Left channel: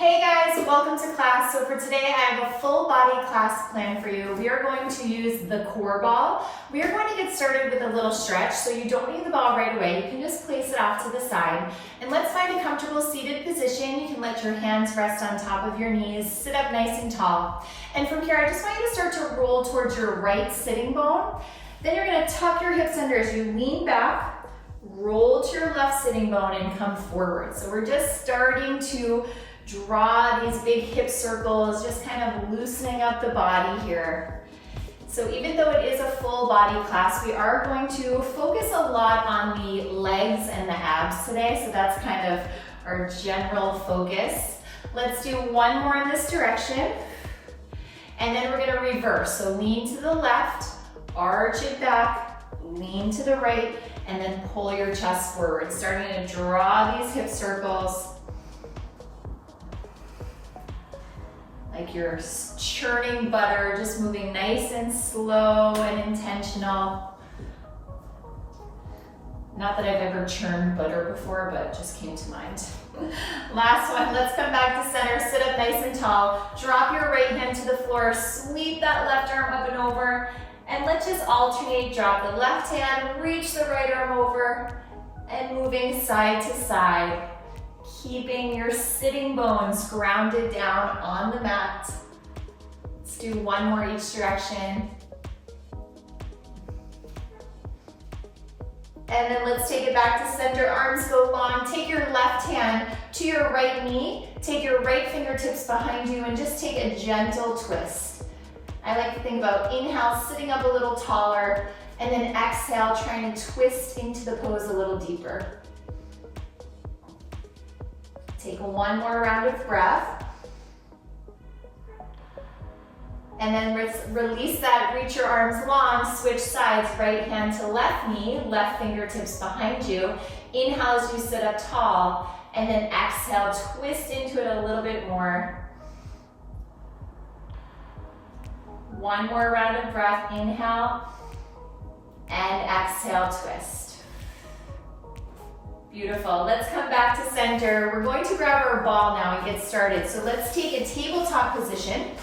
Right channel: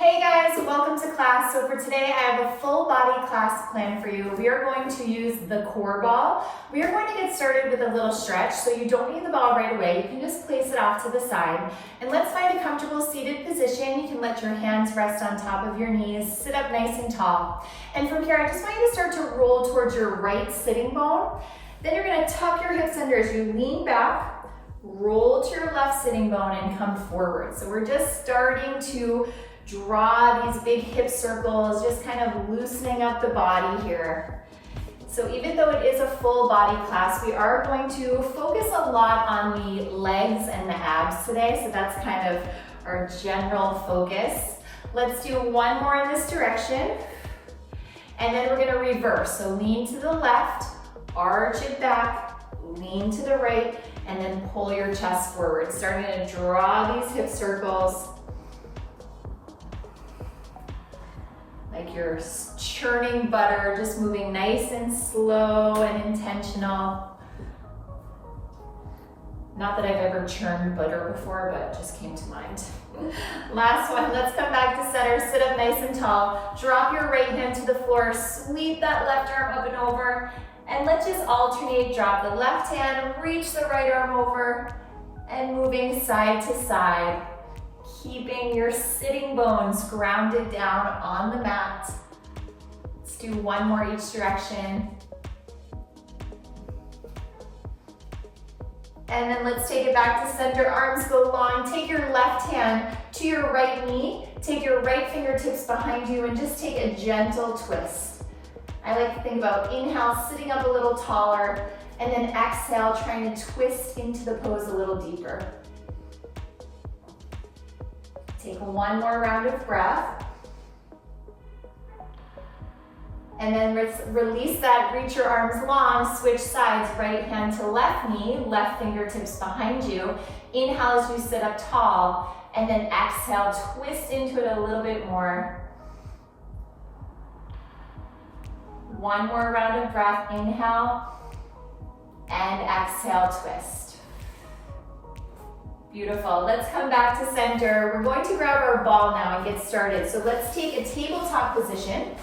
Hey guys, welcome to class. So for today I have a full body class planned for you. We are going to use the core ball. We are going to get started with a little stretch, so you don't need the ball right away. You can just place it off to the side. And let's find a comfortable seated position. You can let your hands rest on top of your knees, sit up nice and tall. And from here, I just want you to start to roll towards your right sitting bone. Then you're gonna tuck your hips under as you lean back, roll to your left sitting bone and come forward. So we're just starting to draw these big hip circles, just kind of loosening up the body here. So even though it is a full body class, we are going to focus a lot on the legs and the abs today. So that's kind of our general focus. Let's do one more in this direction. And then we're gonna reverse. So lean to the left, arch it back, lean to the right, and then pull your chest forward. Starting to draw these hip circles. Like you're churning butter, just moving nice and slow and intentional. Not that I've ever churned butter before, but it just came to mind. Last one, let's come back to center, sit up nice and tall. Drop your right hand to the floor, sweep that left arm up and over, and let's just alternate. Drop the left hand, reach the right arm over, and moving side to side. Keeping your sitting bones grounded down on the mat. Let's do one more each direction. And then let's take it back to center. Arms go long. Take your left hand to your right knee. Take your right fingertips behind you and just take a gentle twist. I like to think about inhale, sitting up a little taller, and then exhale, trying to twist into the pose a little deeper. Take one more round of breath. And then release that, reach your arms long, switch sides, right hand to left knee, left fingertips behind you. Inhale as you sit up tall, and then exhale, twist into it a little bit more. One more round of breath, inhale, and exhale, twist. Beautiful. Let's come back to center. We're going to grab our ball now and get started. So let's take a tabletop position.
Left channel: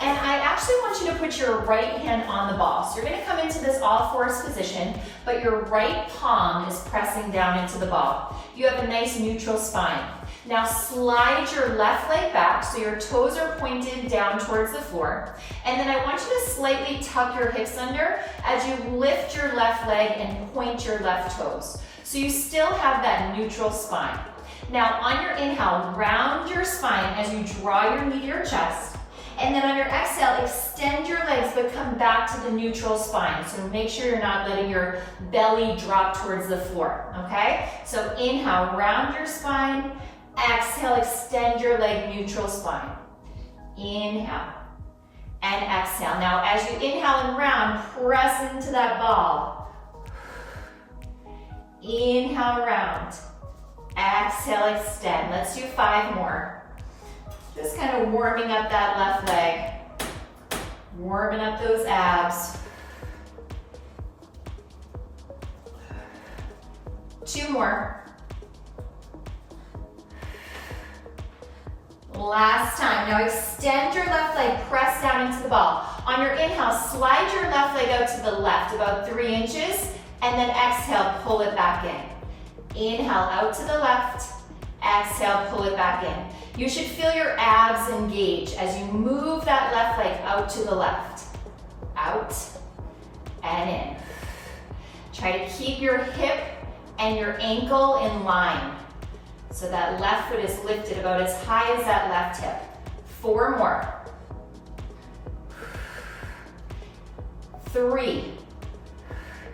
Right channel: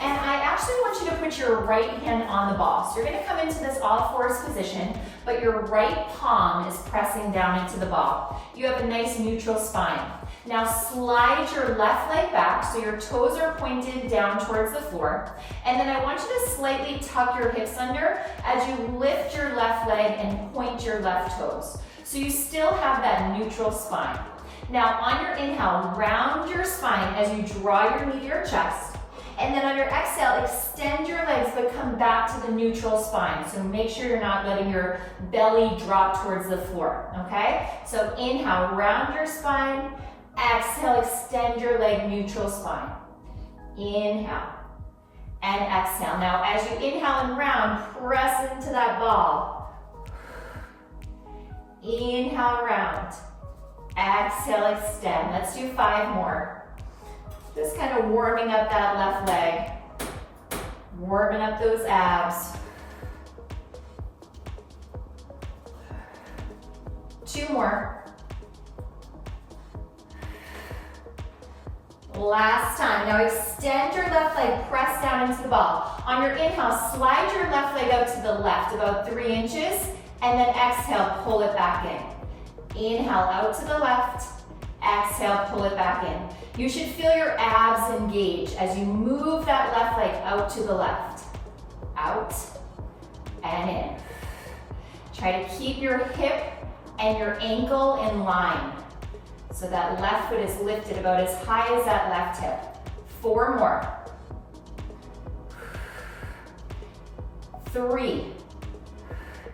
And I actually want you to put your right hand on the ball. So you're going to come into this all fours position, but your right palm is pressing down into the ball. You have a nice neutral spine. Now slide your left leg back so your toes are pointed down towards the floor. And then I want you to slightly tuck your hips under as you lift your left leg and point your left toes. So you still have that neutral spine. Now on your inhale, round your spine as you draw your knee to your chest. And then on your exhale, extend your legs but come back to the neutral spine. So make sure you're not letting your belly drop towards the floor, okay? So inhale, round your spine. Exhale, extend your leg, neutral spine. Inhale and exhale. Now as you inhale and round, press into that ball. Inhale, round. Exhale, extend. Let's do 5 more. Just kind of warming up that left leg. Warming up those abs. 2 more. Last time. Now extend your left leg, press down into the ball. On your inhale, slide your left leg out to the left about 3 inches. And then exhale, pull it back in. Inhale, out to the left. Exhale, pull it back in. You should feel your abs engage as you move that left leg out to the left. Out and in. Try to keep your hip and your ankle in line. So that left foot is lifted about as high as that left hip. 4 more. 3.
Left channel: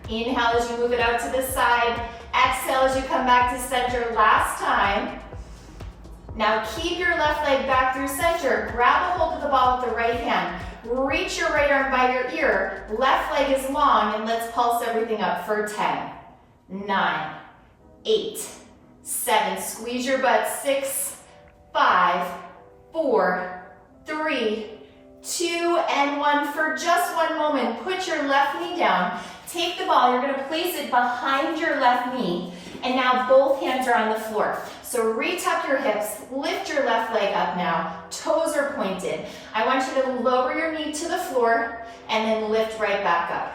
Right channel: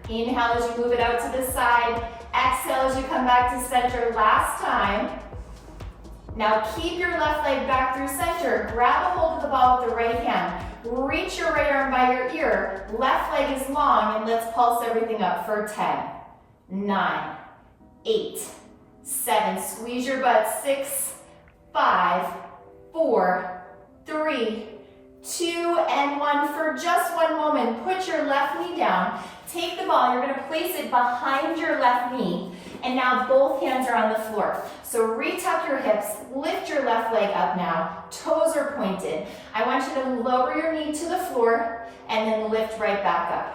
Inhale as you move it out to the side. Exhale as you come back to center. Last time. Now keep your left leg back through center. Grab a hold of the ball with the right hand. Reach your right arm by your ear. Left leg is long, and let's pulse everything up for 10, 9, 8, 7. Squeeze your butt. 6, 5, 4, 3, 2, and 1. For just one moment, put your left knee down. Take the ball, you're gonna place it behind your left knee, And now both hands are on the floor. So retuck your hips, lift your left leg up now, toes are pointed. I want you to lower your knee to the floor and then lift right back up.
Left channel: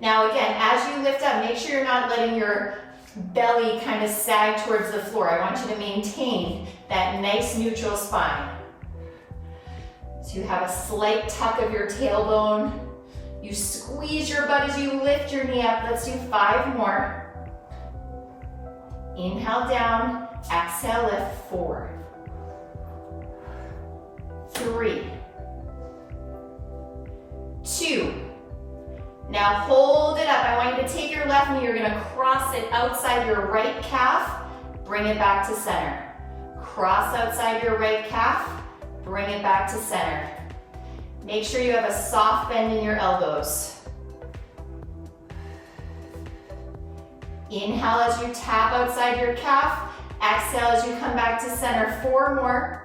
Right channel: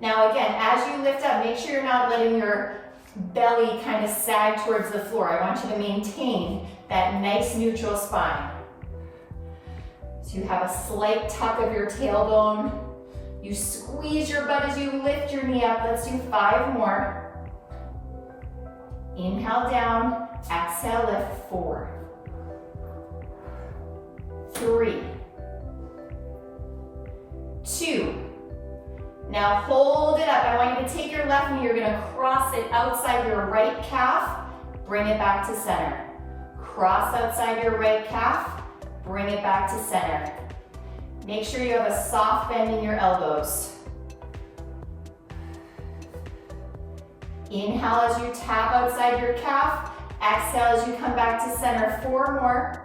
Now again, as you lift up, make sure you're not letting your belly kind of sag towards the floor. I want you to maintain that nice neutral spine. So you have a slight tuck of your tailbone. You squeeze your butt as you lift your knee up. Let's do 5 more. Inhale down, exhale, lift, 4, 3, 2. Now hold it up. I want you to take your left knee, you're gonna cross it outside your right calf, bring it back to center. Cross outside your right calf, bring it back to center. Make sure you have a soft bend in your elbows. Inhale as you tap outside your calf. Exhale as you come back to center. 4 more.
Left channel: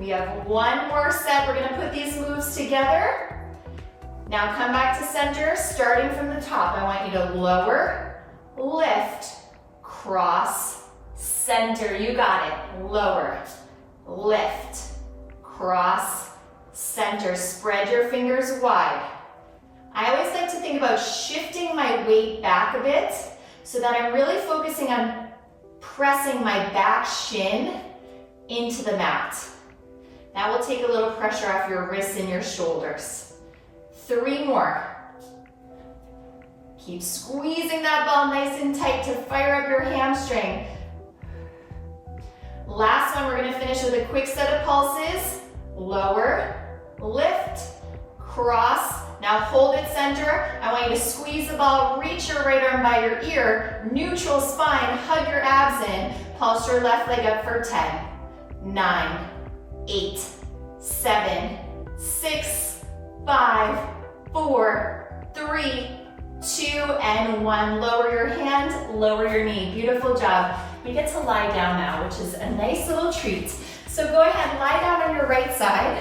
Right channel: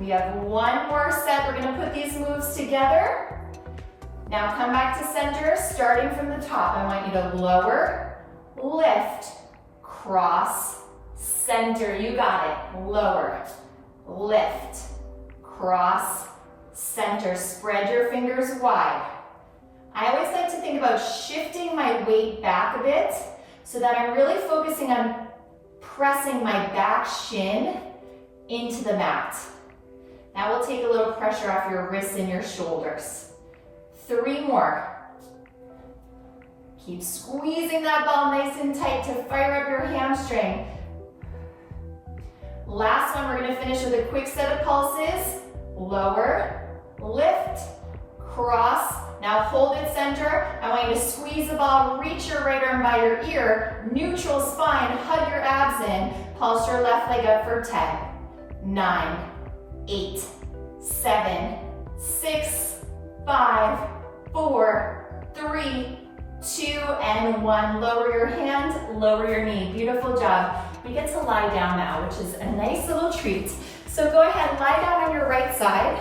We have 1 more set. We're gonna put these moves together. Now come back to center, starting from the top. I want you to lower, lift, cross, center. You got it. Lower, lift, cross, center. Spread your fingers wide. I always like to think about shifting my weight back a bit so that I'm really focusing on pressing my back shin into the mat. That will take a little pressure off your wrists and your shoulders. 3 more. Keep squeezing that ball nice and tight to fire up your hamstring. Last one, we're gonna finish with a quick set of pulses. Lower, lift, cross. Now hold it center. I want you to squeeze the ball, reach your right arm by your ear, neutral spine, hug your abs in, pulse your left leg up for 10, 9, 8, 7, 6, 5, 4, 3, 2, and 1. Lower your hand, lower your knee. Beautiful job. We get to lie down now, which is a nice little treat. So go ahead, lie down on your right side.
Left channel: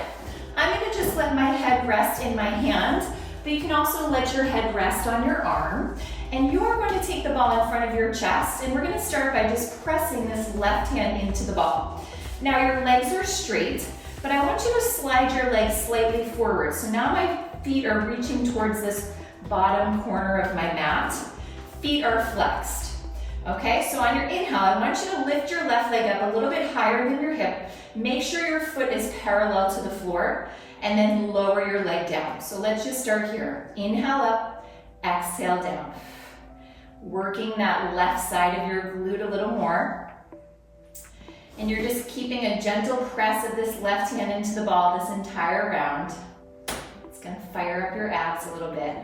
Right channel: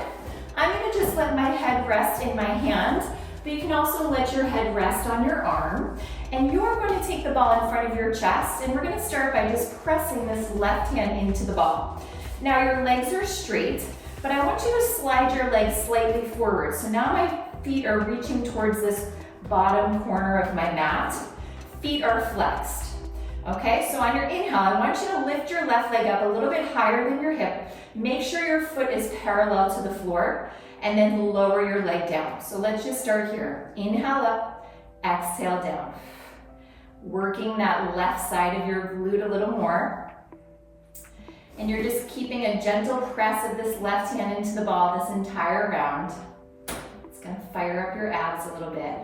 I'm gonna just let my head rest in my hand, but you can also let your head rest on your arm. And you're going to take the ball in front of your chest, and we're gonna start by just pressing this left hand into the ball. Now your legs are straight, but I want you to slide your legs slightly forward. So now my feet are reaching towards this bottom corner of my mat. Feet are flexed. Okay, so on your inhale, I want you to lift your left leg up a little bit higher than your hip. Make sure your foot is parallel to the floor, and then lower your leg down. So let's just start here. Inhale up, exhale down. Working that left side of your glute a little more. And you're just keeping a gentle press of this left hand into the ball this entire round. It's gonna fire up your abs a little bit.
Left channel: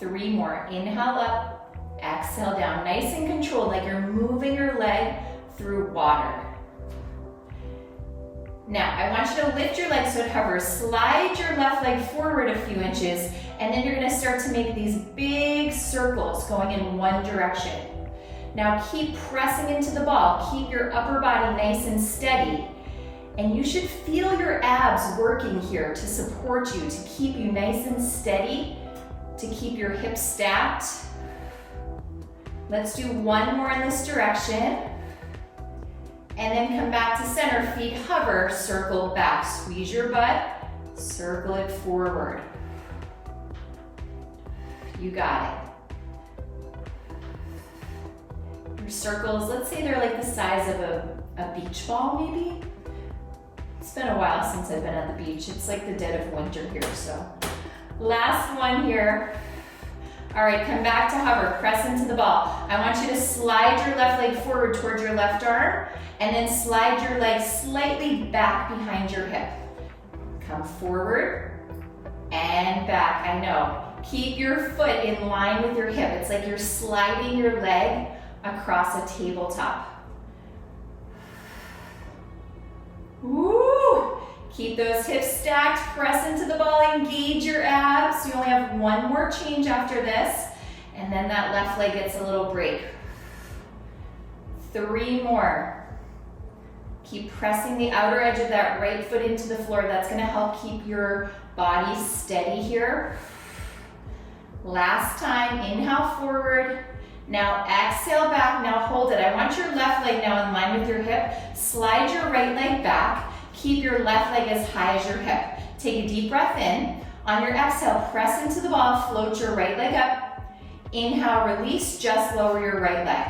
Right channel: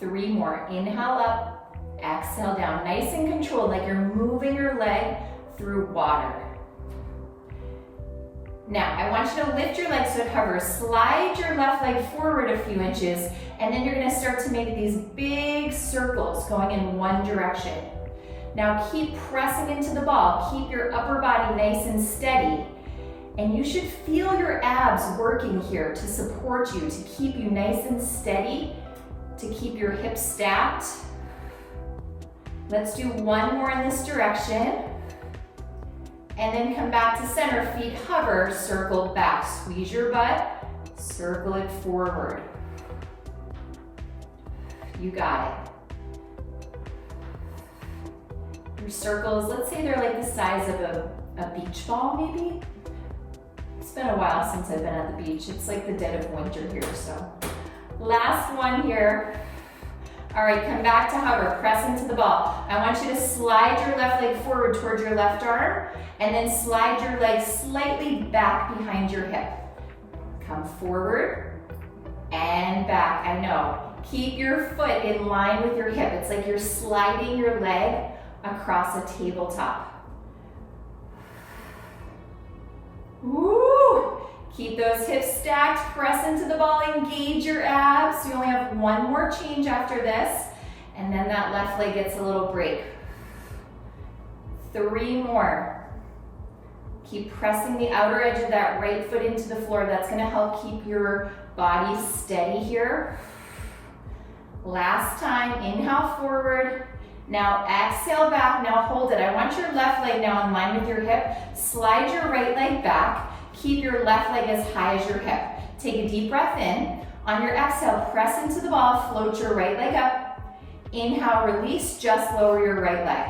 3 more. Inhale up, exhale down. Nice and controlled, like you're moving your leg through water. Now, I want you to lift your leg so it hovers. Slide your left leg forward a few inches, and then you're gonna start to make these big circles going in one direction. Now keep pressing into the ball. Keep your upper body nice and steady. And you should feel your abs working here to support you, to keep you nice and steady, to keep your hips stacked. Let's do 1 more in this direction. And then come back to center, feet hover, circle back. Squeeze your butt, circle it forward. You got it. Your circles, let's say they're like the size of a beach ball maybe. It's been a while since I've been at the beach. It's like the dead of winter here, so. Last one here. All right, come back to hover, press into the ball. I want you to slide your left leg forward towards your left arm, and then slide your leg slightly back behind your hip. Come forward and back, I know. Keep your foot in line with your hip. It's like you're sliding your leg across a tabletop. Woo! Keep those hips stacked, press into the ball, engage your abs. You only have 1 more change after this, and then that left leg gets a little break. 3 more. Keep pressing the outer edge of that right foot into the floor. That's gonna help keep your body steady here. Last time, inhale forward. Now exhale back, now hold it. I want your left leg now in line with your hip. Slide your right leg back. Keep your left leg as high as your hip. Take a deep breath in. On your exhale, press into the ball, float your right leg up. Inhale, release, just lower your right leg.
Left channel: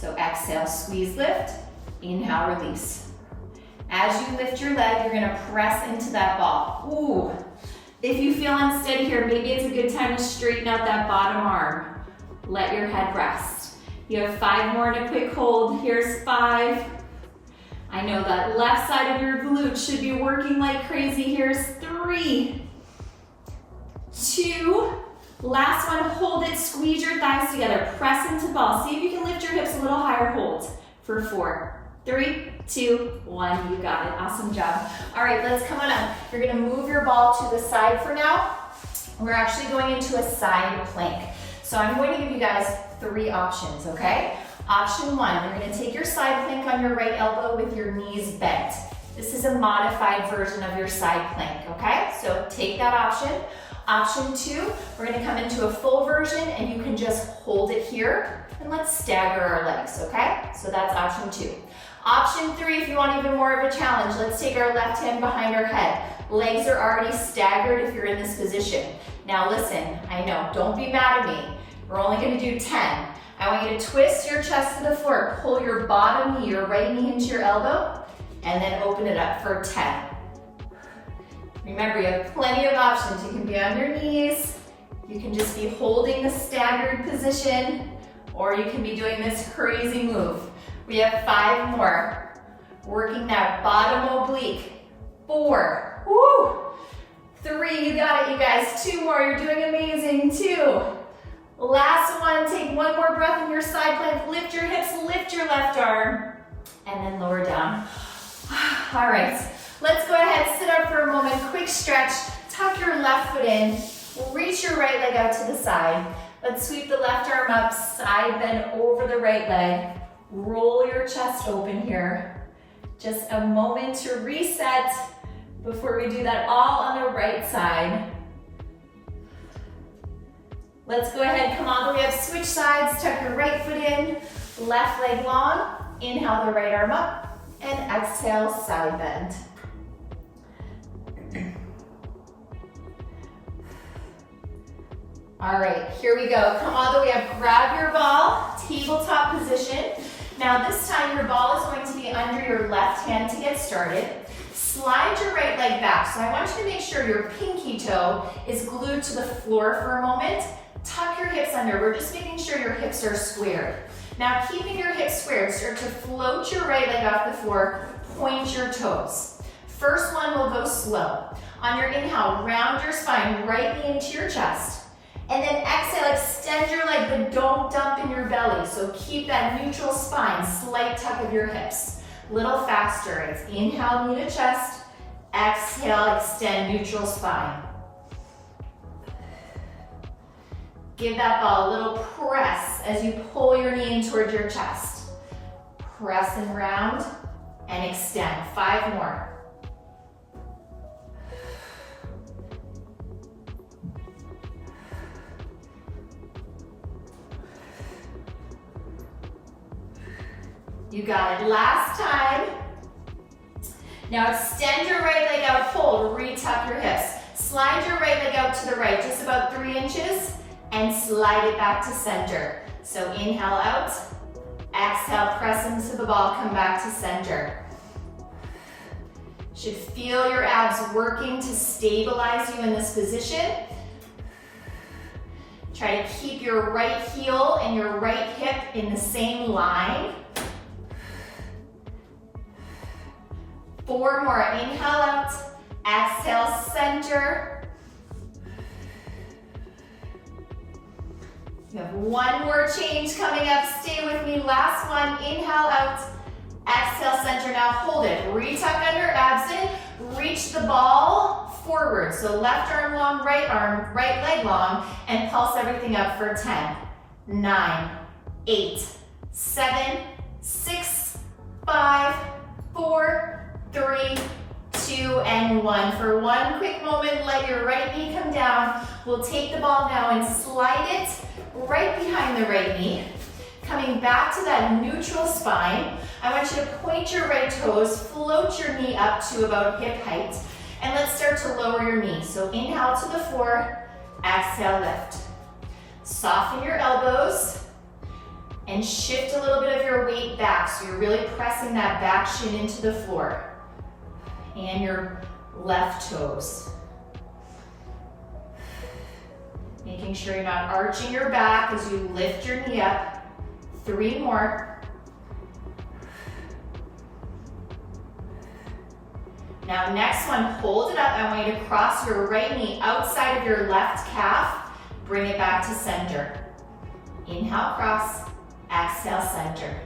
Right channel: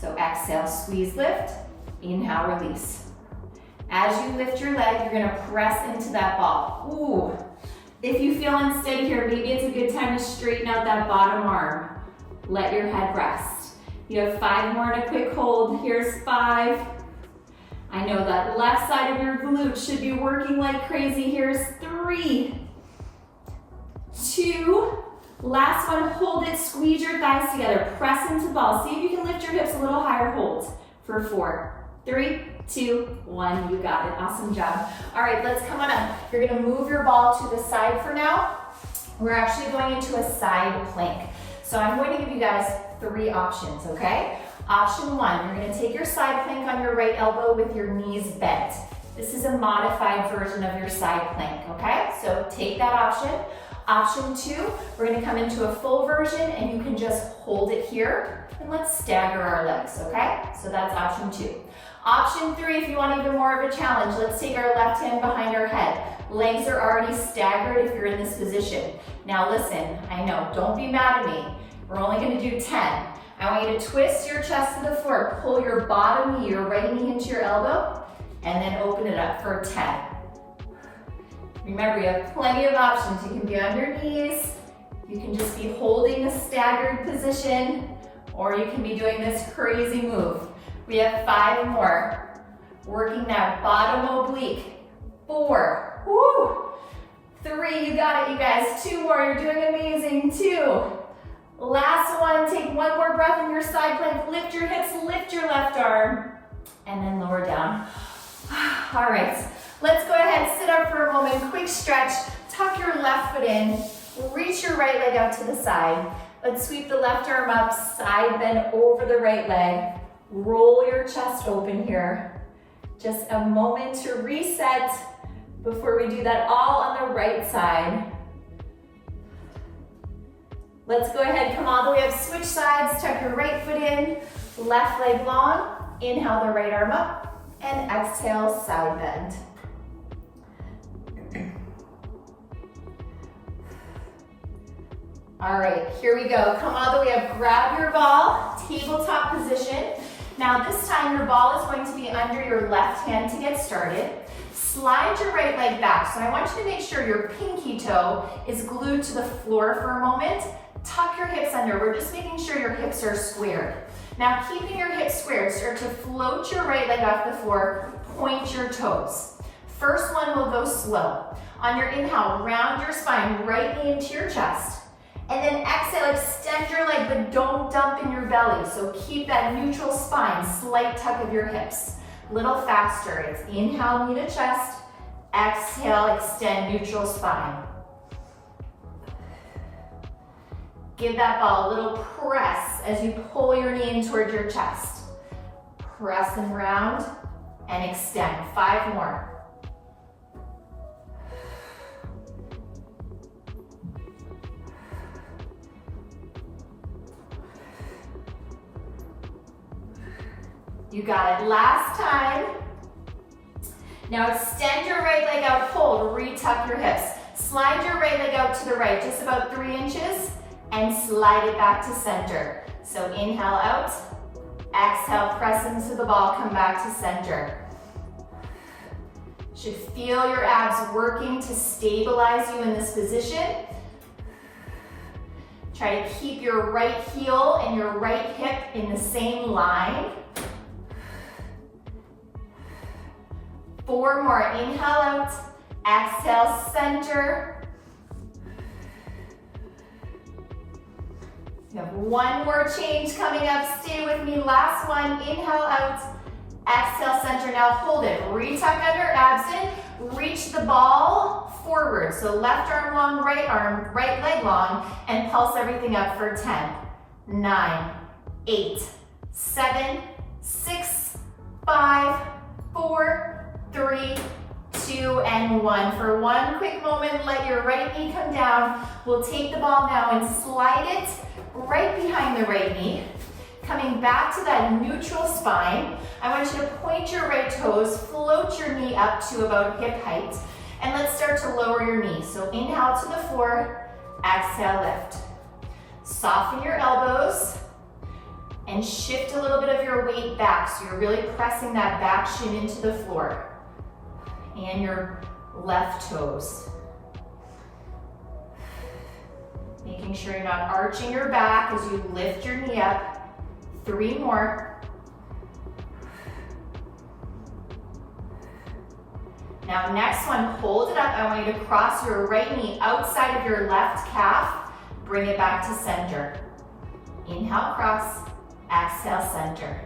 So exhale, squeeze, lift. Inhale, release. As you lift your leg, you're gonna press into that ball. Ooh. If you feel unsteady here, maybe it's a good time to straighten out that bottom arm. Let your head rest. You have 5 more in a quick hold. Here's 5. I know that left side of your glute should be working like crazy. Here's 3, 2, last one, hold it, squeeze your thighs together, press into ball. See if you can lift your hips a little higher, hold for 4, 3, 2, 1, you got it, awesome job. All right, let's come on up. You're gonna move your ball to the side for now. We're actually going into a side plank. So I'm going to give you guys 3 options, okay? Option 1, you're gonna take your side plank on your right elbow with your knees bent. This is a modified version of your side plank, okay? So take that option. Option 2, we're gonna come into a full version and you can just hold it here and let's stagger our legs, okay? So that's option 2. Option 3, if you want even more of a challenge, let's take our left hand behind our head. Legs are already staggered if you're in this position. Now listen, I know, don't be mad at me. We're only gonna do 10. I want you to twist your chest to the floor, pull your bottom knee, your right knee into your elbow, and then open it up for 10. Remember, you have plenty of options. You can be on your knees, you can just be holding the staggered position, or you can be doing this crazy move. We have 5 more. Working that bottom oblique. 4, woo! 3, you got it, you guys. 2 more, you're doing amazing. 2. Last one, take 1 more breath in your side plank. Lift your hips, lift your left arm, and then lower down. All right, let's go ahead, sit up for a moment, quick stretch, tuck your left foot in, reach your right leg out to the side. Let's sweep the left arm up, side bend over the right leg. Roll your chest open here. Just a moment to reset before we do that all on the right side. Let's go ahead, come all the way up, switch sides, tuck your right foot in, left leg long, inhale the right arm up, and exhale, side bend. All right, here we go. Come all the way up, grab your ball, tabletop position. Now this time your ball is going to be under your left hand to get started. Slide your right leg back. So I want you to make sure your pinky toe is glued to the floor for a moment. Tuck your hips under. We're just making sure your hips are squared. Now keeping your hips squared, start to float your right leg off the floor, point your toes. First one will go slow. On your inhale, round your spine, right knee into your chest. And then exhale, extend your leg, but don't dump in your belly. So keep that neutral spine, slight tuck of your hips. Little faster, it's inhale, knee to chest. Exhale, extend neutral spine. Give that ball a little press as you pull your knee in towards your chest. Press and round and extend. 5 more. You got it. Last time. Now extend your right leg out, hold, retuck your hips. Slide your right leg out to the right, just about 3 inches, and slide it back to center. So inhale out, exhale, press into the ball, come back to center. Should feel your abs working to stabilize you in this position. Try to keep your right heel and your right hip in the same line. 4 more, inhale out, exhale, center. You have 1 more change coming up, stay with me, last one, inhale out, exhale, center, now hold it, retuck under, abs in, reach the ball forward, so left arm, right leg long, and pulse everything up for 10, 9, 8, 7, 6, 5, 4, 3, 2, and 1. For one quick moment, let your right knee come down. We'll take the ball now and slide it right behind the right knee. Coming back to that neutral spine, I want you to point your right toes, float your knee up to about hip height, and let's start to lower your knee. So inhale to the floor, exhale, lift. Soften your elbows and shift a little bit of your weight back, so you're really pressing that back shin into the floor and your left toes. Making sure you're not arching your back as you lift your knee up. 3 more. Now next one, hold it up. I want you to cross your right knee outside of your left calf. Bring it back to center. Inhale, cross. Exhale, center.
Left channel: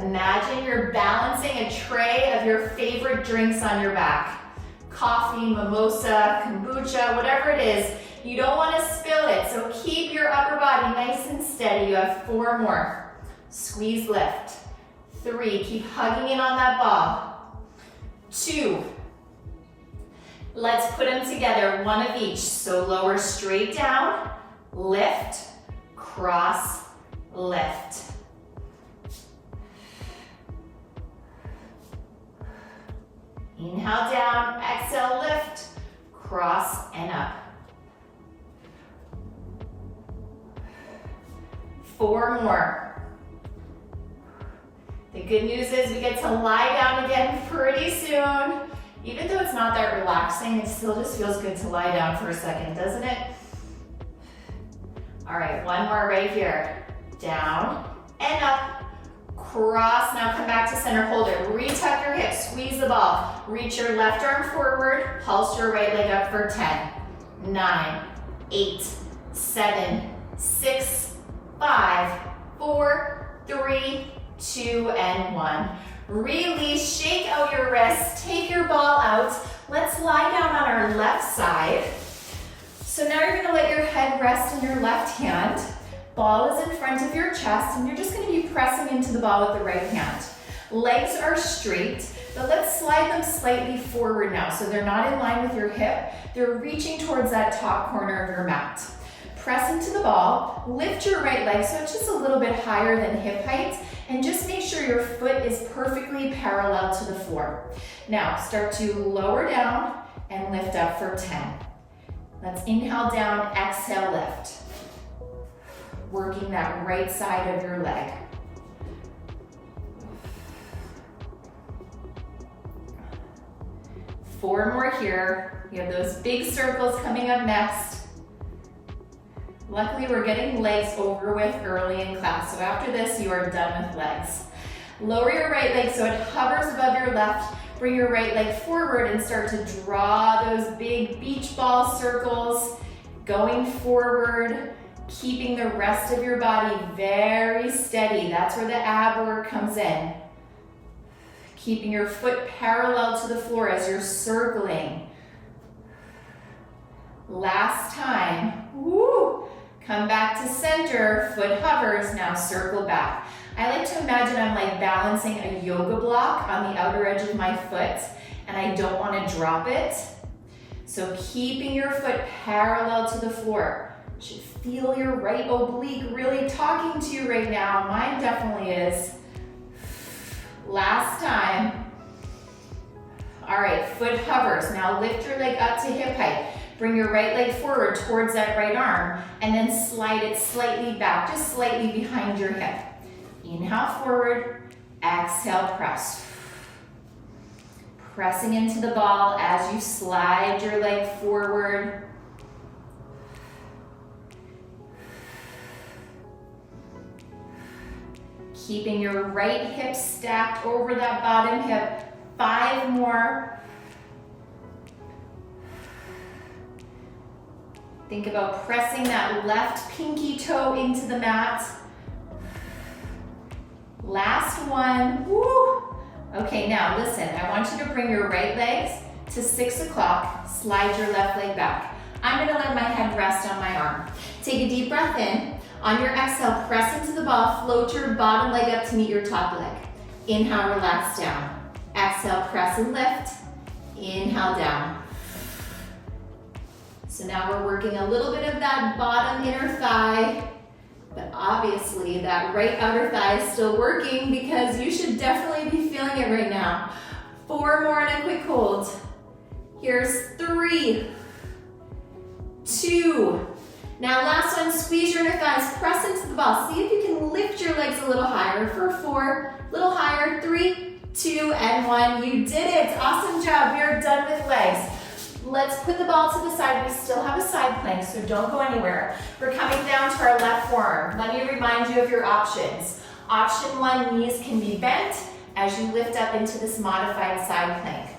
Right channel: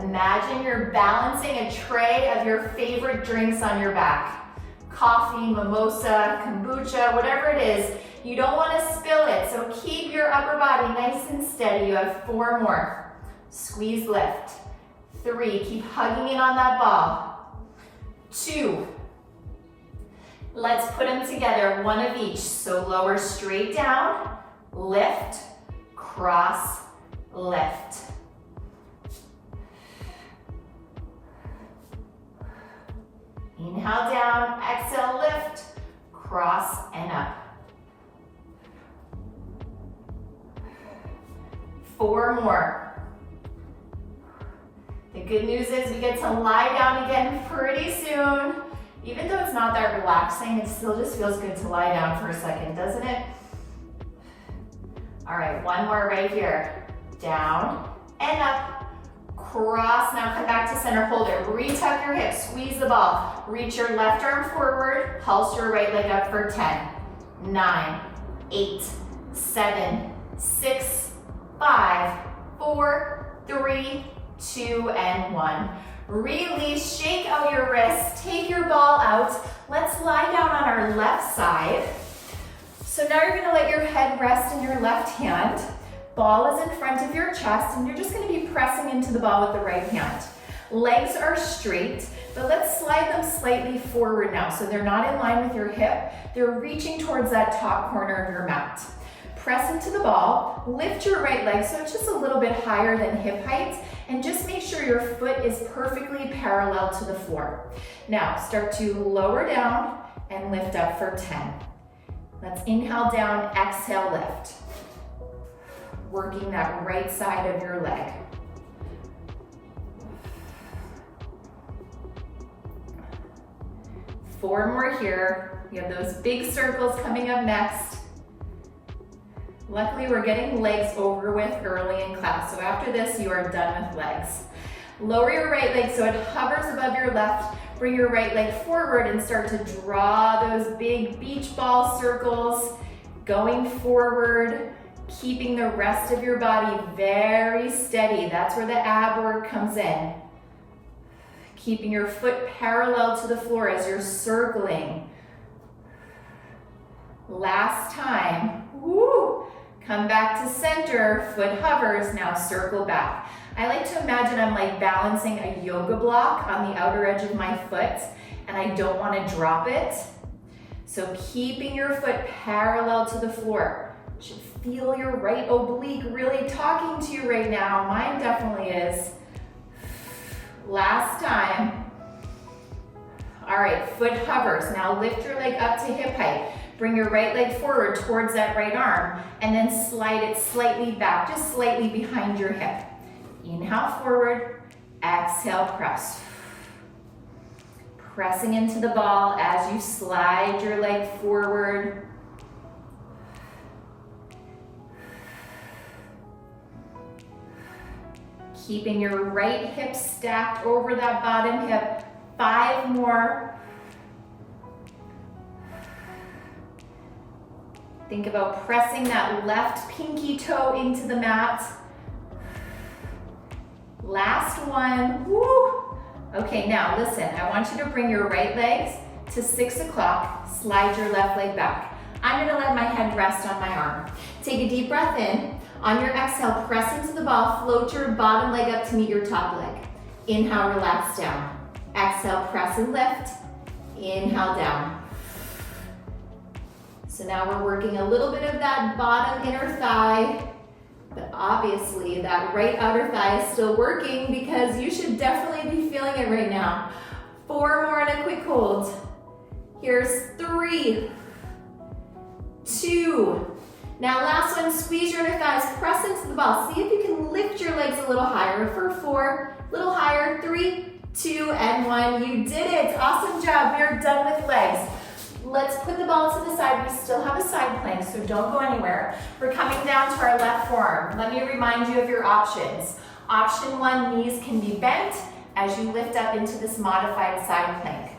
Imagine you're balancing a tray of your favorite drinks on your back. Coffee, mimosa, kombucha, whatever it is. You don't want to spill it, so keep your upper body nice and steady. You have 4 more. Squeeze, lift. 3, keep hugging in on that ball. 2. Let's put them together, one of each. So lower straight down, lift, cross, lift. Inhale down, exhale, lift, cross and up. 4 more. The good news is we get to lie down again pretty soon. Even though it's not that relaxing, it still just feels good to lie down for a second, doesn't it? All right, 1 more right here. Down and up. Cross, now come back to center, hold it. Retuck your hips, squeeze the ball. Reach your left arm forward, pulse your right leg up for 10, 9, 8, 7, 6, 5, 4, 3, 2, and 1. Release, shake out your wrists, take your ball out. Let's lie down on our left side. So now you're gonna let your head rest in your left hand. Ball is in front of your chest, and you're just gonna be pressing into the ball with the right hand. Legs are straight, but let's slide them slightly forward now, so they're not in line with your hip. They're reaching towards that top corner of your mat. Press into the ball, lift your right leg so it's just a little bit higher than hip height, and just make sure your foot is perfectly parallel to the floor. Now, start to lower down and lift up for 10. Let's inhale down, exhale, lift. Working that right side of your leg. 4 more here. We have those big circles coming up next. Luckily, we're getting legs over with early in class, so after this, you are done with legs. Lower your right leg so it hovers above your left. Bring your right leg forward and start to draw those big beach ball circles, going forward, keeping the rest of your body very steady. That's where the ab work comes in. Keeping your foot parallel to the floor as you're circling. Last time. Woo! Come back to center, foot hovers, now circle back. I like to imagine I'm like balancing a yoga block on the outer edge of my foot, and I don't want to drop it. So keeping your foot parallel to the floor. You should feel your right oblique really talking to you right now. Mine definitely is. Last time. All right, foot hovers. Now lift your leg up to hip height. Bring your right leg forward towards that right arm, and then slide it slightly back, just slightly behind your hip. Inhale forward, exhale, press. Pressing into the ball as you slide your leg forward. Keeping your right hip stacked over that bottom hip. 5 more. Think about pressing that left pinky toe into the mat. Last one. Woo! Okay, now listen, I want you to bring your right legs to 6 o'clock. Slide your left leg back. I'm gonna let my head rest on my arm. Take a deep breath in. On your exhale, press into the ball. Float your bottom leg up to meet your top leg. Inhale, relax down. Exhale, press and lift. Inhale, down. So now we're working a little bit of that bottom inner thigh, but obviously that right outer thigh is still working because you should definitely be feeling it right now. 4 more and a quick hold. Here's 3, 2. Now last one, squeeze your inner thighs, press into the ball. See if you can lift your legs a little higher for 4, a little higher, 3, 2, and 1. You did it, awesome job. We are done with legs. Let's put the ball to the side. We still have a side plank, so don't go anywhere. We're coming down to our left forearm. Let me remind you of your options. Option 1, knees can be bent as you lift up into this modified side plank.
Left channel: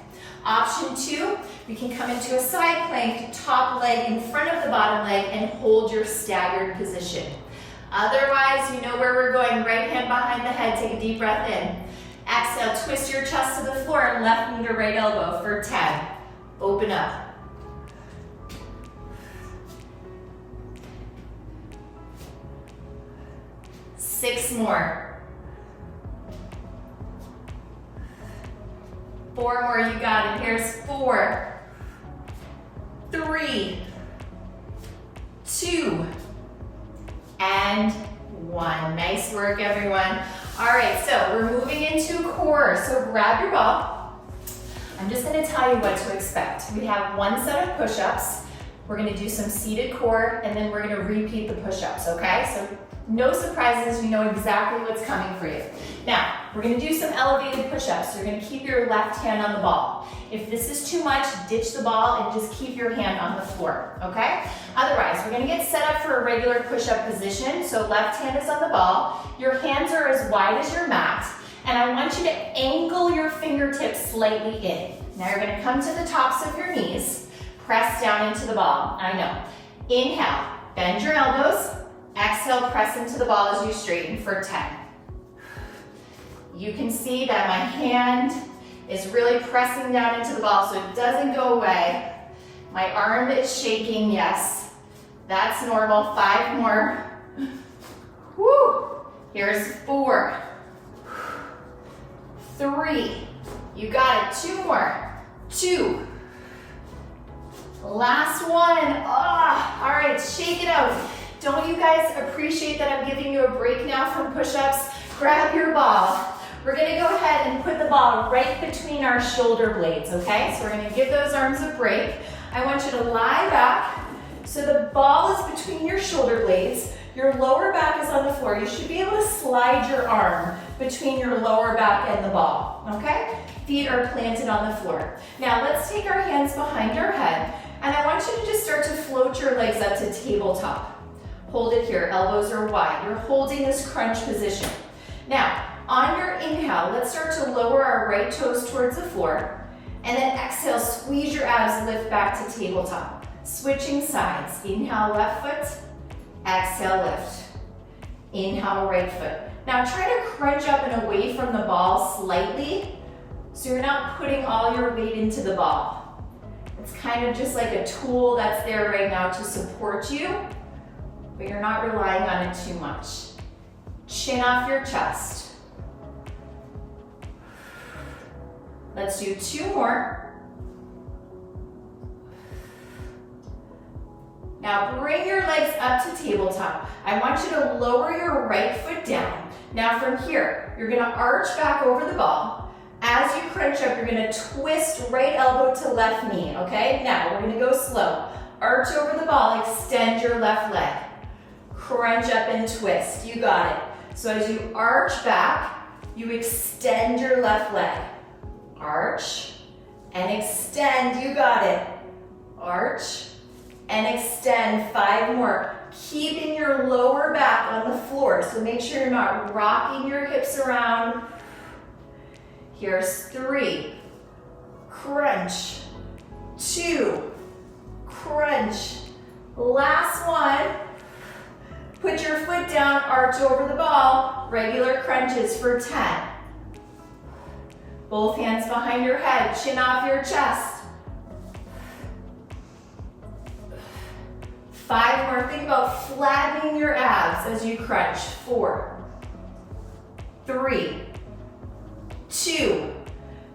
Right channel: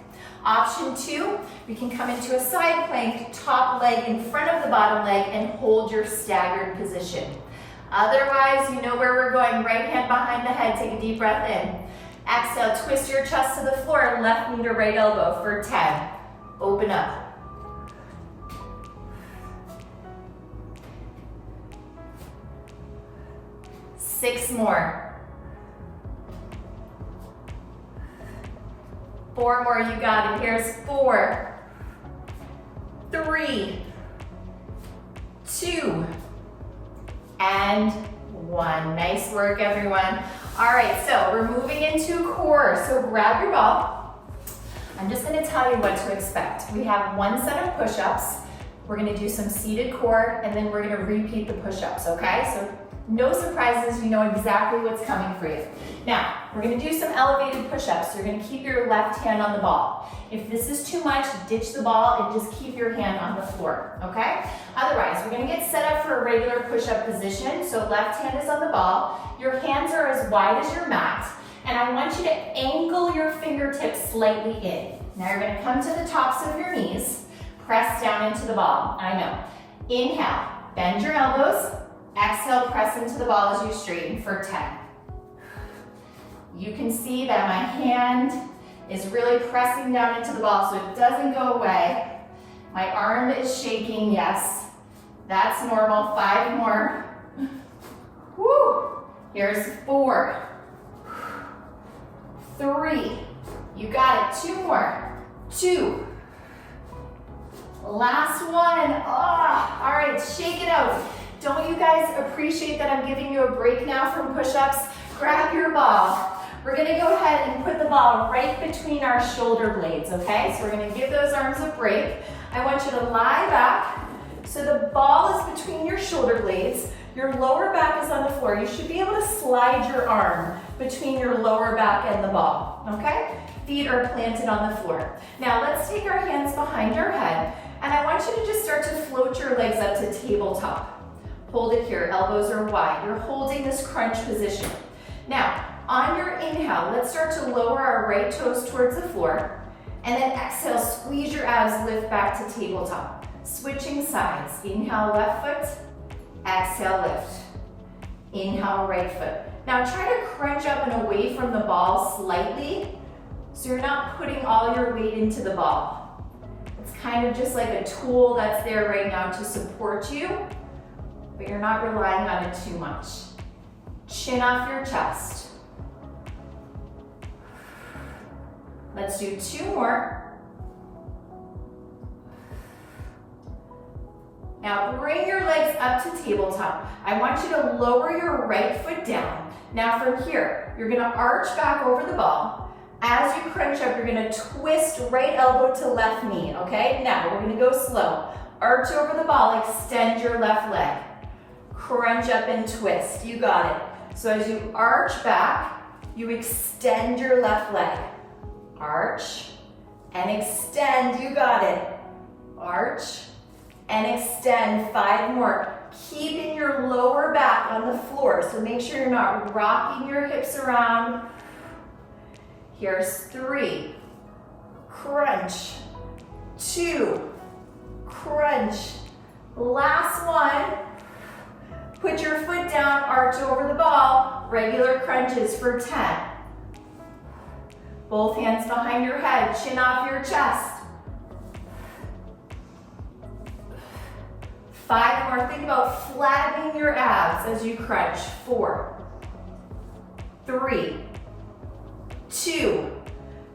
Option 2, we can come into a side plank, top leg in front of the bottom leg, and hold your staggered position. Otherwise, you know where we're going. Right hand behind the head, take a deep breath in. Exhale, twist your chest to the floor, left knee to right elbow for 10. Open up. 6 more. 4 more, you got it. Here's 4, 3, 2, and 1. Nice work, everyone. All right, so we're moving into core. So grab your ball. I'm just gonna tell you what to expect. We have 1 set of push-ups. We're gonna do some seated core, and then we're gonna repeat the push-ups, okay? So no surprises, you know exactly what's coming for you. Now, we're gonna do some elevated push-ups. You're gonna keep your left hand on the ball. If this is too much, ditch the ball and just keep your hand on the floor, okay? Otherwise, we're gonna get set up for a regular push-up position. So left hand is on the ball. Your hands are as wide as your mat. And I want you to ankle your fingertips slightly in. Now you're gonna come to the tops of your knees, press down into the ball. I know. Inhale, bend your elbows. Exhale, press into the ball as you straighten for 10. You can see that my hand is really pressing down into the ball so it doesn't go away. My arm is shaking, yes. That's normal. 5 more. Woo! Here's 4. 3, you got it, 2 more, 2, last one, all right, shake it out. Don't you guys appreciate that I'm giving you a break now from push-ups? Grab your ball. We're gonna go ahead and put the ball right between our shoulder blades, okay? So we're gonna give those arms a break. I want you to lie back, so the ball is between your shoulder blades. Your lower back is on the floor. You should be able to slide your arm between your lower back and the ball, okay? Feet are planted on the floor. Now let's take our hands behind our head, and I want you to just start to float your legs up to tabletop. Hold it here, elbows are wide. You're holding this crunch position. Now, on your inhale, let's start to lower our right toes towards the floor, and then exhale, squeeze your abs, lift back to tabletop. Switching sides, inhale left foot, exhale, lift. Inhale, right foot. Now try to crunch up and away from the ball slightly so you're not putting all your weight into the ball. It's kind of just like a tool that's there right now to support you, but you're not relying on it too much. Chin off your chest. Let's do 2 more. Now bring your legs up to tabletop. I want you to lower your right foot down. Now from here, you're gonna arch back over the ball. As you crunch up, you're gonna twist right elbow to left knee, okay? Now we're gonna go slow. Arch over the ball, extend your left leg. Crunch up and twist, you got it. So as you arch back, you extend your left leg. Arch and extend, you got it. Arch and extend, 5 more. Keeping your lower back on the floor, so make sure you're not rocking your hips around. Here's 3, crunch, 2, crunch. Last one, put your foot down, arch over the ball, regular crunches for 10. Both hands behind your head, chin off your chest. 5 more, think about flattening your abs as you crunch. 4, 3, 2.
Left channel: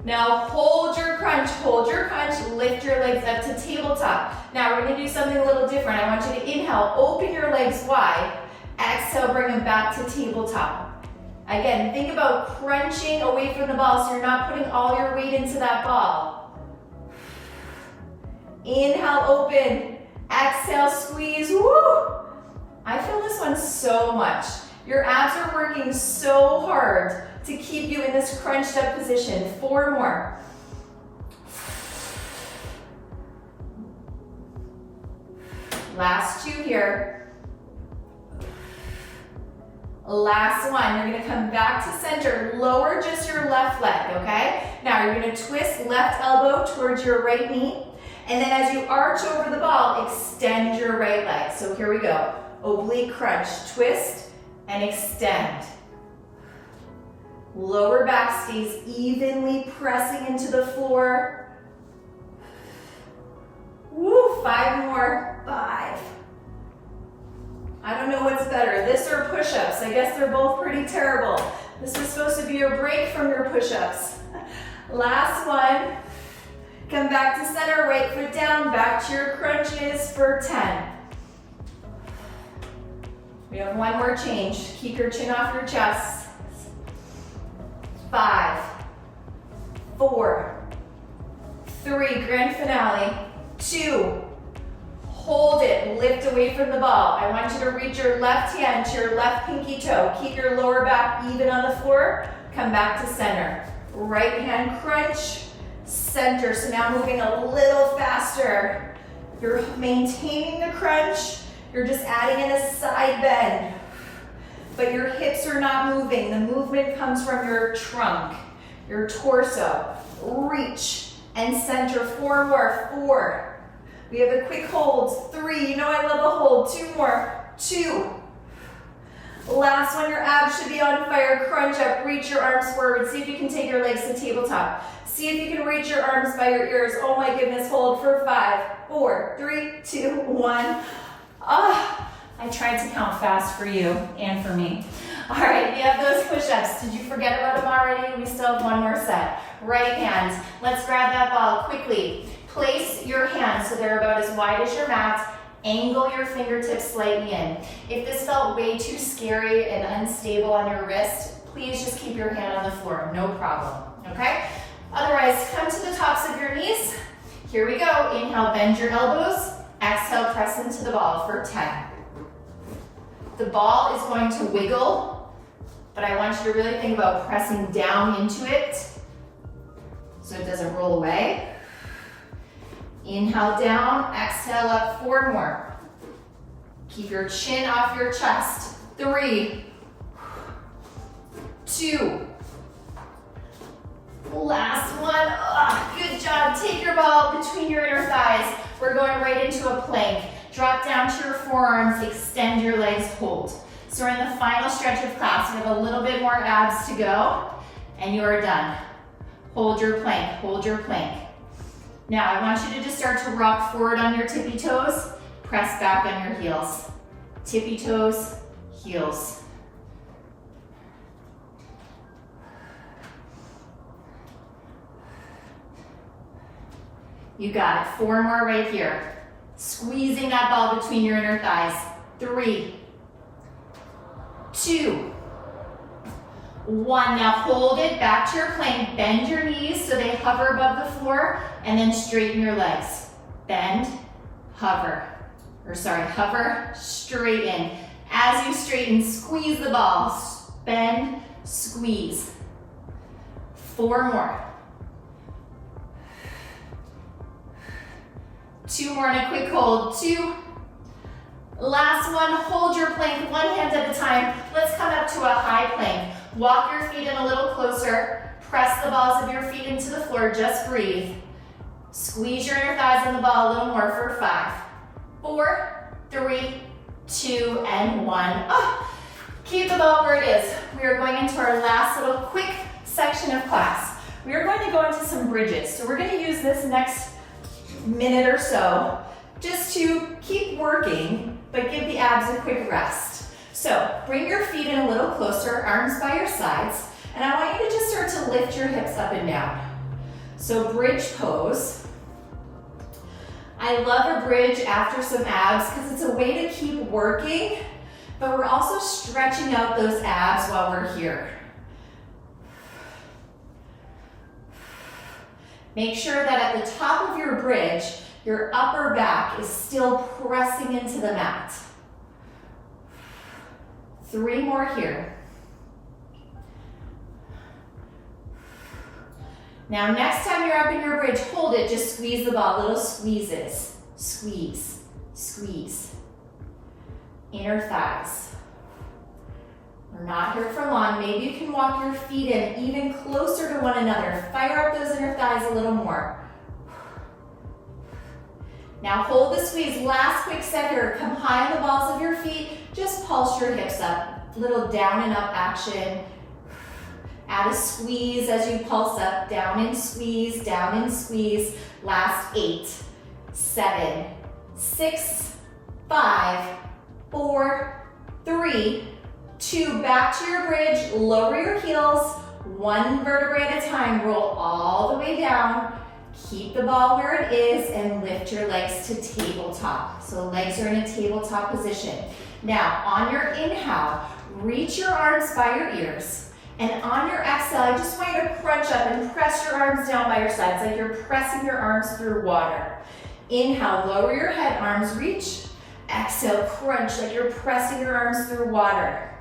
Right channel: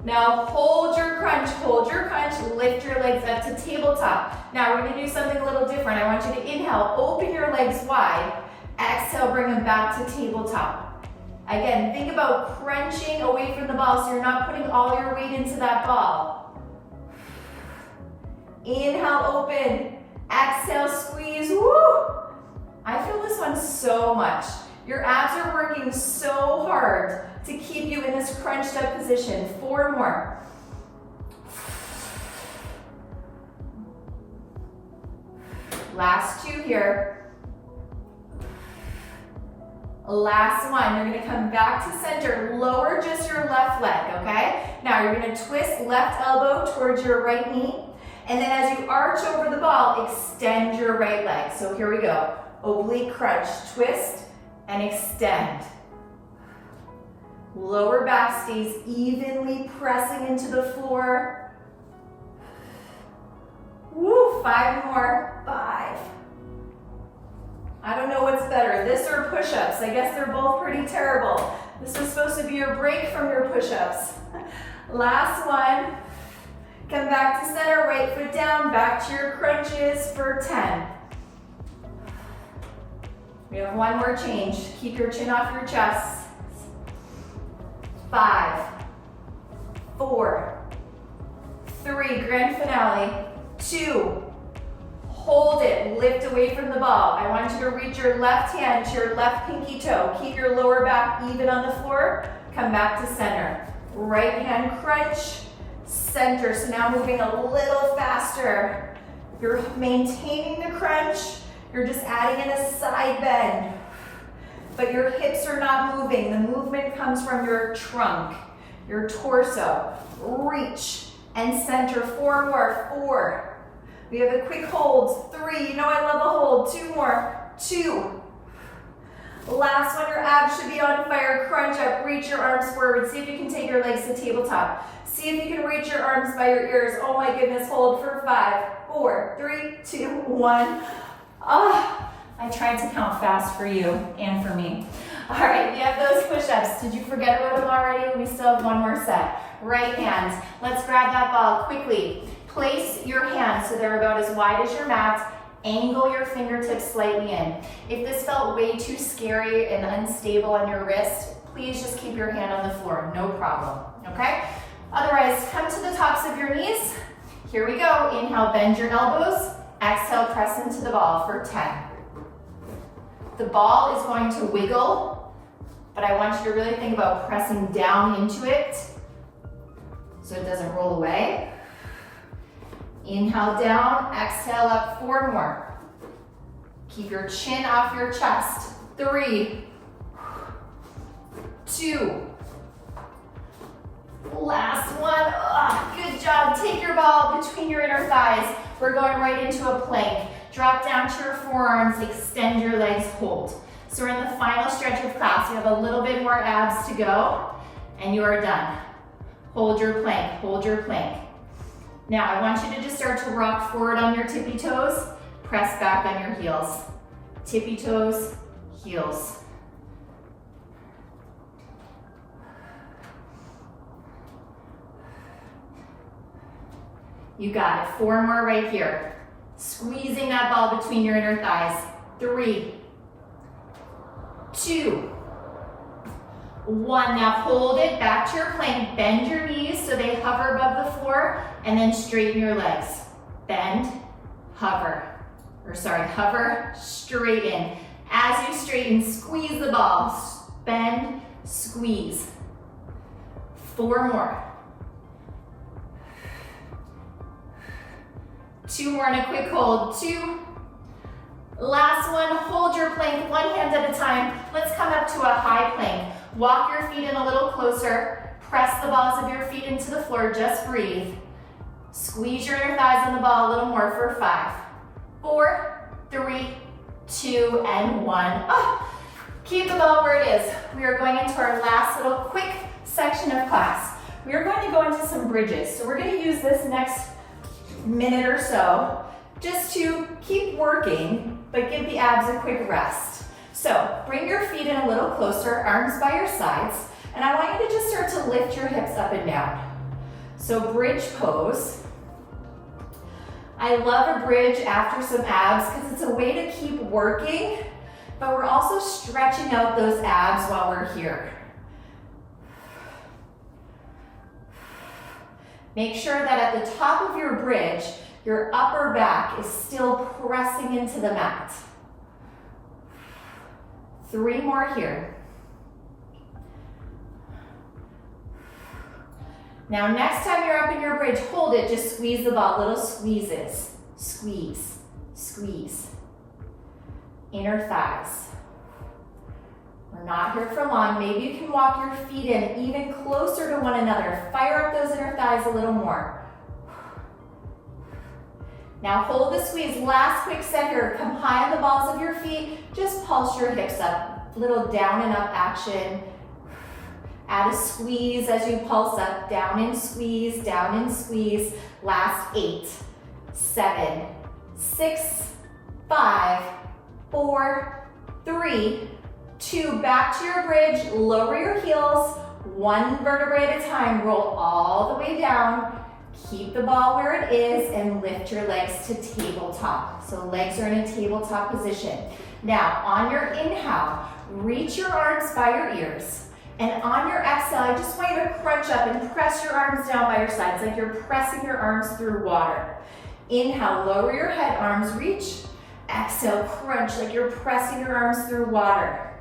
Now hold your crunch, lift your legs up to tabletop. Now we're gonna do something a little different. I want you to inhale, open your legs wide. Exhale, bring them back to tabletop. Again, think about crunching away from the ball so you're not putting all your weight into that ball. Inhale, open. Exhale, squeeze. Woo! I feel this one so much. Your abs are working so hard to keep you in this crunched up position. 4 more. Last 2 here. Last one. You're gonna come back to center. Lower just your left leg, okay? Now you're gonna twist left elbow towards your right knee. And then as you arch over the ball, extend your right leg. So here we go. Oblique crunch, twist and extend. Lower back stays evenly pressing into the floor. Woo, 5 more. 5. I don't know what's better, this or push-ups. I guess they're both pretty terrible. This was supposed to be your break from your push-ups. Last one. Come back to center, right foot down, back to your crunches for 10. We have 1 more change. Keep your chin off your chest. 5, 4, 3, grand finale, 2, hold it, lift away from the ball. I want you to reach your left hand to your left pinky toe. Keep your lower back even on the floor. Come back to center. Right hand crunch, center. So now moving a little faster. You're maintaining the crunch. You're just adding in a side bend. But your hips are not moving. The movement comes from your trunk, your torso. Reach and center. 4 more. 4. We have a quick hold. 3. You know I love a hold. 2 more. 2. Last one. Your abs should be on fire. Crunch up. Reach your arms forward. See if you can take your legs to tabletop. See if you can reach your arms by your ears. Oh my goodness. Hold for 5, 4, 3, 2, 1. I tried to count fast for you and for me. All right, you have those push-ups. Did you forget about them already? We still have 1 more set. Right hand. Let's grab that ball quickly. Place your hands so they're about as wide as your mat. Angle your fingertips slightly in. If this felt way too scary and unstable on your wrist, please just keep your hand on the floor. No problem, okay? Otherwise, come to the tops of your knees. Here we go. Inhale, bend your elbows. Exhale, press into the ball for 10. The ball is going to wiggle, but I want you to really think about pressing down into it so it doesn't roll away. Inhale down, exhale up, 4 more. Keep your chin off your chest. 3, 2, last one. Good job. Take your ball between your inner thighs. We're going right into a plank. Drop down to your forearms, extend your legs, hold. So we're in the final stretch of class. You have a little bit more abs to go, and you are done. Hold your plank, hold your plank. Now I want you to just start to rock forward on your tippy toes, press back on your heels. Tippy toes, heels. You got it. 4 more right here. Squeezing that ball between your inner thighs. 3, 2, 1. Now hold it back to your plank. Bend your knees so they hover above the floor, and then straighten your legs. Bend, hover. Hover, straighten. As you straighten, squeeze the ball. Bend, squeeze. 4 more. 2 more and a quick hold. 2. Last one, hold your plank 1 hand at a time. Let's come up to a high plank. Walk your feet in a little closer. Press the balls of your feet into the floor, just breathe. Squeeze your inner thighs on the ball a little more for 5, 4, 3, 2, and 1. Keep the ball where it is. We are going into our last little quick section of class. We are going to go into some bridges. So we're going to use this next minute or so just to keep working, but give the abs a quick rest. So bring your feet in a little closer, arms by your sides. And I want you to just start to lift your hips up and down. So bridge pose. I love a bridge after some abs because it's a way to keep working, but we're also stretching out those abs while we're here. Make sure that at the top of your bridge, your upper back is still pressing into the mat. 3 more here. Now next time you're up in your bridge, hold it, just squeeze the ball, little squeezes. Squeeze, squeeze. Inner thighs. We're not here for long. Maybe you can walk your feet in even closer to one another. Fire up those inner thighs a little more. Now hold the squeeze. Last quick set here. Come high on the balls of your feet. Just pulse your hips up. Little down and up action. Add a squeeze as you pulse up. Down and squeeze, down and squeeze. Last 8, 7, 6, 5, 4, 3, 2. Back to your bridge. Lower your heels. 1 vertebrae at a time. Roll all the way down. Keep the ball where it is and lift your legs to tabletop. So legs are in a tabletop position. Now, on your inhale, reach your arms by your ears. And on your exhale, I just want you to crunch up and press your arms down by your sides like you're pressing your arms through water. Inhale, lower your head, arms reach. Exhale, crunch like you're pressing your arms through water.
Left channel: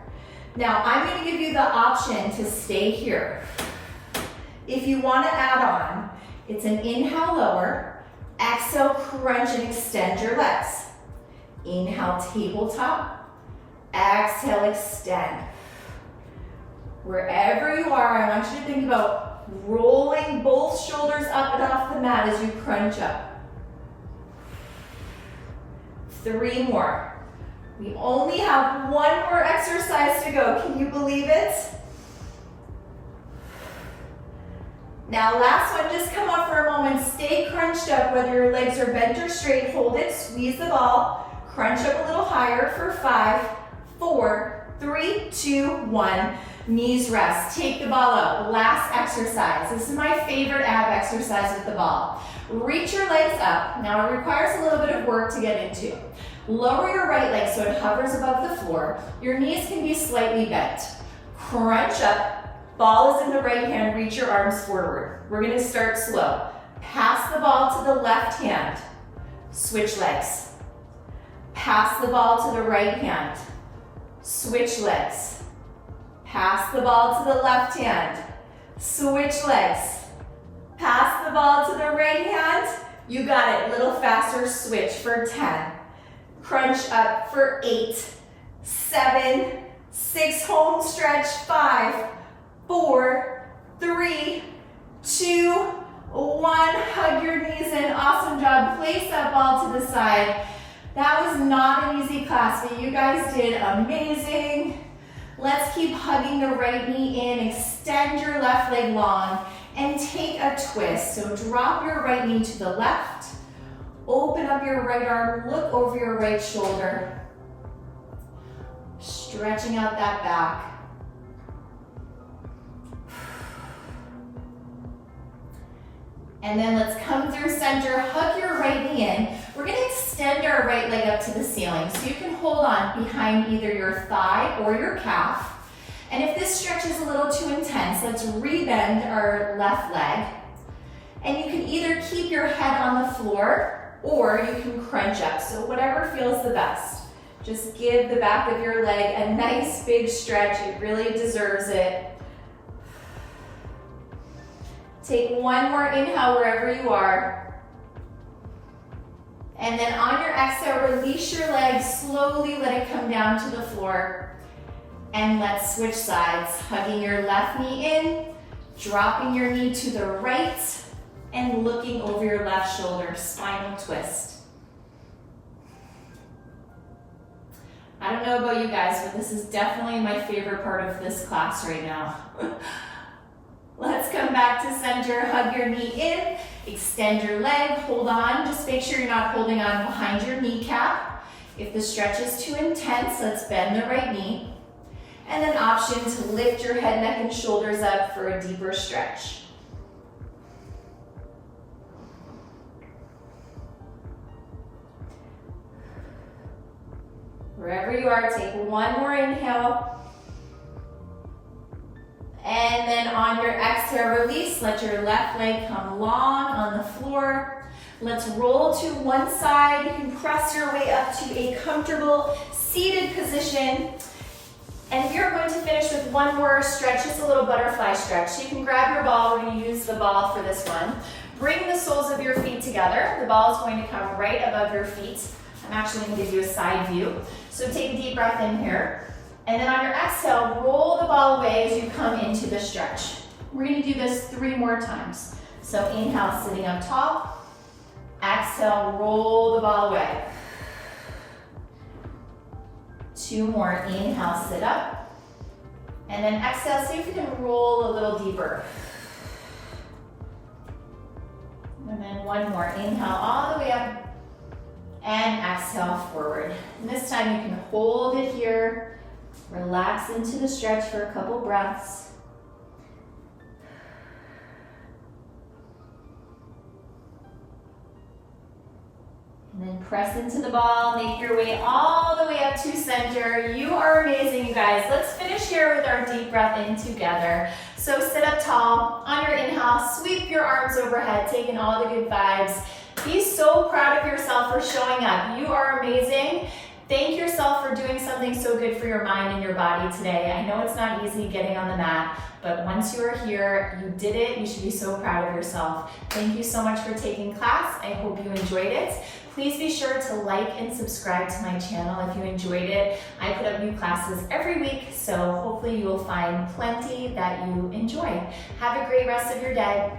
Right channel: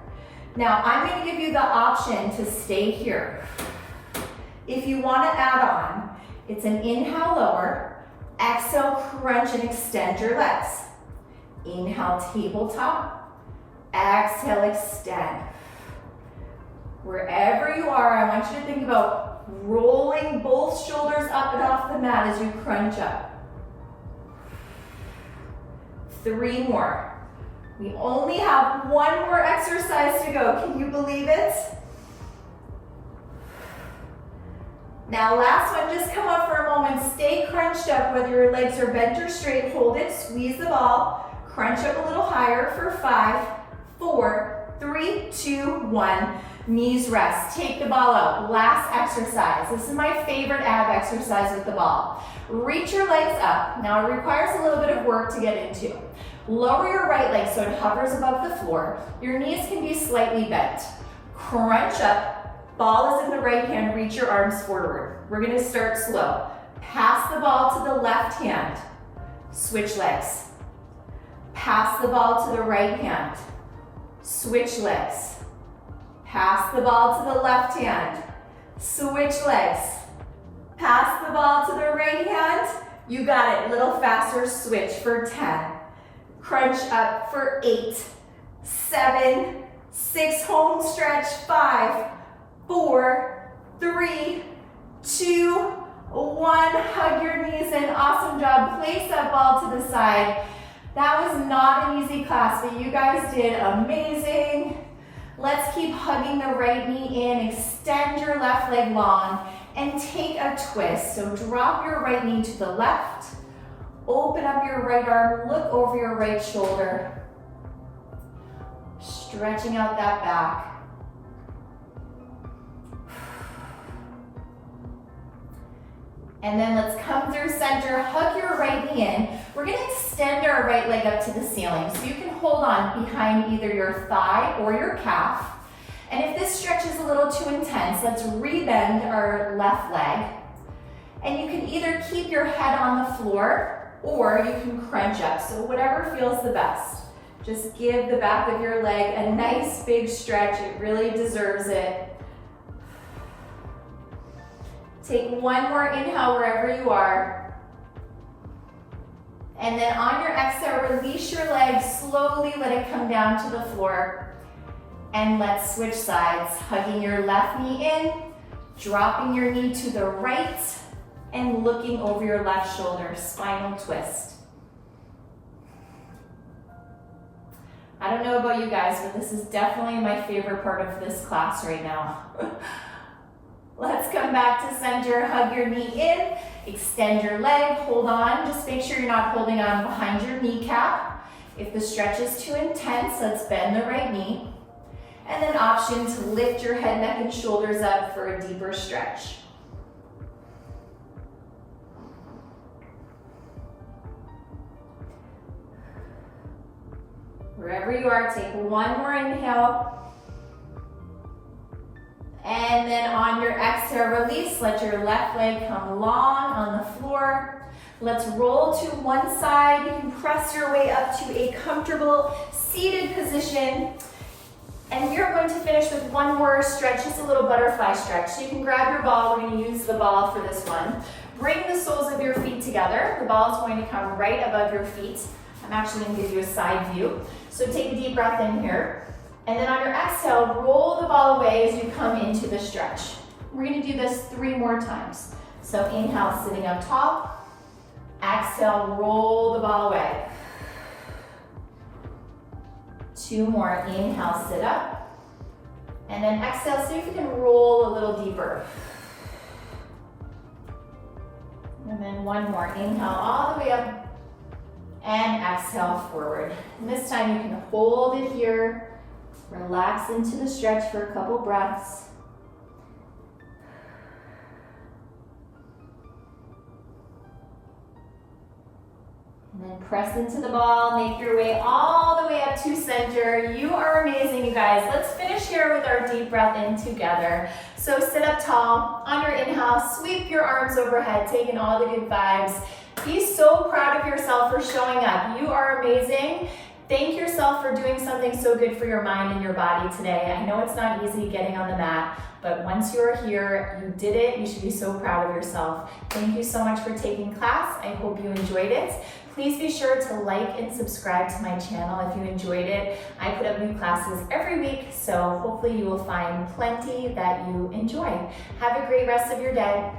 Now, I'm going to give you the option to stay here. If you want to add on, it's an inhale, lower. Exhale, crunch and extend your legs. Inhale, tabletop. Exhale, extend. Wherever you are, I want you to think about rolling both shoulders up and off the mat as you crunch up. 3 more. We only have 1 more exercise to go. Can you believe it? Now last one, just come up for a moment. Stay crunched up, whether your legs are bent or straight. Hold it, squeeze the ball. Crunch up a little higher for 5, 4, 3, 2, 1. Knees rest. Take the ball out. Last exercise. This is my favorite ab exercise with the ball. Reach your legs up. Now it requires a little bit of work to get into. Lower your right leg so it hovers above the floor. Your knees can be slightly bent. Crunch up. Ball is in the right hand. Reach your arms forward. We're going to start slow. Pass the ball to the left hand. Switch legs. Pass the ball to the right hand. Switch legs. Pass the ball to the left hand. Switch legs. Pass the ball to the right hand. You got it. A little faster. Switch for 10. Crunch up for 8, 7, 6. Home stretch. 5, 4, 3, 2, 1. Hug your knees in. Awesome job. Place that ball to the side. That was not an easy class, but you guys did amazing. Let's keep hugging the right knee in, extend your left leg long, and take a twist. So drop your right knee to the left, open up your right arm, look over your right shoulder, stretching out that back. And then let's come through center, hug your right knee in. We're gonna extend our right leg up to the ceiling. So you can hold on behind either your thigh or your calf. And if this stretch is a little too intense, let's rebend our left leg. And you can either keep your head on the floor or you can crunch up. So whatever feels the best. Just give the back of your leg a nice big stretch. It really deserves it. Take 1 more inhale wherever you are. And then on your exhale, release your leg, slowly let it come down to the floor. And let's switch sides, hugging your left knee in, dropping your knee to the right, and looking over your left shoulder, spinal twist. I don't know about you guys, but this is definitely my favorite part of this class right now. Let's come back to center, hug your knee in, extend your leg, hold on. Just make sure you're not holding on behind your kneecap. If the stretch is too intense, let's bend the right knee. And then option to lift your head, neck, and shoulders up for a deeper stretch. Wherever you are, take one more inhale. And then on your exhale, release. Let your left leg come long on the floor. Let's roll to one side. You can press your way up to a comfortable seated position. And we are going to finish with one more stretch, just a little butterfly stretch. So you can grab your ball. We're going to use the ball for this one. Bring the soles of your feet together. The ball is going to come right above your feet. I'm actually going to give you a side view. So take a deep breath in here. And then on your exhale, roll the ball away as you come into the stretch. We're going to do this 3 more times. So inhale, sitting up tall. Exhale, roll the ball away. 2 more. Inhale, sit up. And then exhale, see if you can roll a little deeper. And then 1 more. Inhale all the way up. And exhale forward. And this time you can hold it here. Relax into the stretch for a couple breaths. And then press into the ball, make your way all the way up to center. You are amazing, you guys. Let's finish here with our deep breath in together. So sit up tall. On your inhale, sweep your arms overhead, taking all the good vibes. Be so proud of yourself for showing up. You are amazing. Thank yourself for doing something so good for your mind and your body today. I know it's not easy getting on the mat, but once you're here, you did it. You should be so proud of yourself. Thank you so much for taking class. I hope you enjoyed it. Please be sure to like and subscribe to my channel if you enjoyed it. I put up new classes every week, so hopefully you will find plenty that you enjoy. Have a great rest of your day.